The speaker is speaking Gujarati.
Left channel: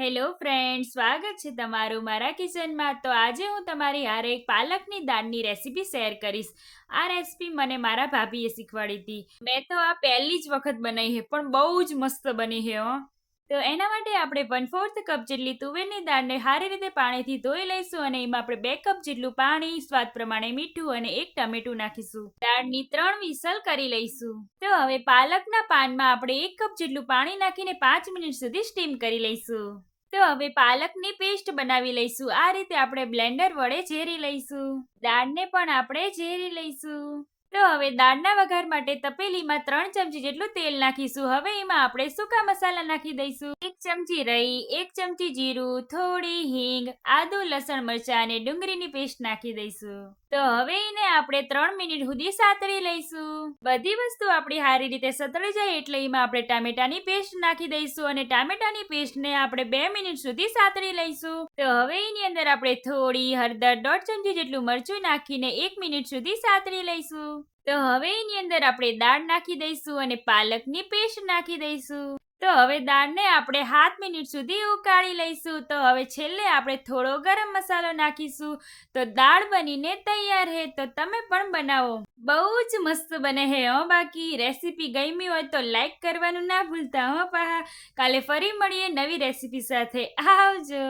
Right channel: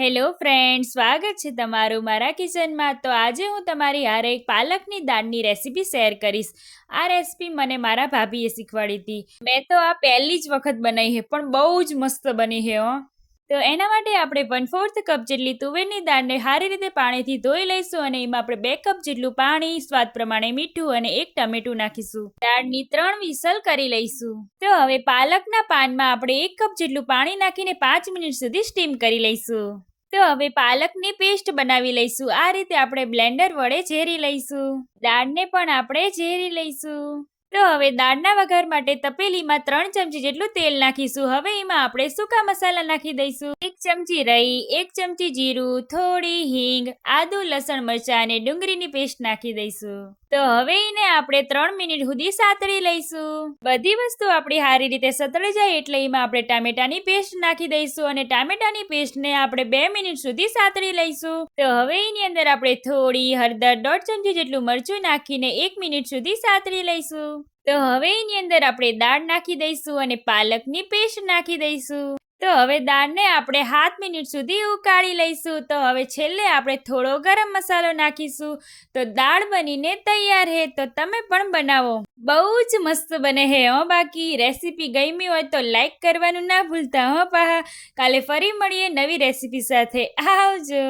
હેલો ફ્રેન્ડ, સ્વાગત છે તમારું મારા કિચનમાં. તો આજે હું તમારી હારે એક પાલકની દાળની રેસીપી શેર કરીશ. આ રેસીપી મને મારા ભાભીએ શીખવાડી હતી. મેં તો આ પહેલી જ વખત બનાવી છે, પણ બહુ જ મસ્ત બની છે હો. તો એના માટે આપણે 1/4 કપ જેટલી તુવેરની દાળને સારી રીતે પાણીથી ધોઈ લઈશું અને એમાં આપણે 2 કપ જેટલું પાણી, સ્વાદ પ્રમાણે મીઠું અને 1 ટમેટું નાખીશું. દાળની 3 વિસલ કરી લઈશું. તો હવે પાલકના પાનમાં આપણે 1 કપ જેટલું પાણી નાખીને 5 મિનિટ સુધી સ્ટીમ કરી લઈશું. તો હવે પાલકની પેસ્ટ બનાવી લઈશું. આ રીતે આપણે બ્લેન્ડર વડે ઝેરી લઈશું. દાળને પણ આપણે ઝેરી લઈશું. તો હવે દાળના વઘાર માટે તપેલીમાં 3 ચમચી જેટલું તેલ નાખીશું. હવે એમાં આપણે સૂકા મસાલા નાખી દઈશું. 1 ચમચી રાઈ, 1 ચમચી જીરું, થોડી હિંગ, આદુ, લસણ, મરચાં અને ડુંગળીની પેસ્ટ નાખી દઈશું. તો હવે એને આપણે 3 મિનિટ સુધી સાતળી લઈશું. બધી વસ્તુ આપણી સારી રીતે સતળી જાય એટલે એમાં આપણે ટામેટાની પેસ્ટ નાખી દઈશું અને ટામેટાની પેસ્ટને આપણે 2 મિનિટ સુધી સાતળી લઈશું. તો હવે એની અંદર આપણે થોડી હળદર, 1/2 ચમચી જેટલું મરચું નાખીને 1 મિનિટ સુધી સાતળી લઈશું. તો હવે એની અંદર આપણે દાળ નાખી દઈશું અને પાલકની પેસ્ટ નાખી દઈશું. તો હવે દાળને આપણે 7 મિનિટ સુધી ઉકાળી લઈશું. તો હવે છેલ્લે આપણે થોડો ગરમ મસાલો નાખીશું. તો દાળ બનીને તૈયાર છે. તો તમે પણ બનાવો, બહુ જ મસ્ત બને છે હો. બાકી રેસીપી ગમી હોય તો લાઈક કરવાનું ના ભૂલતા હો. કાલે ફરી મળીએ નવી રેસીપી સાથે. આવજો.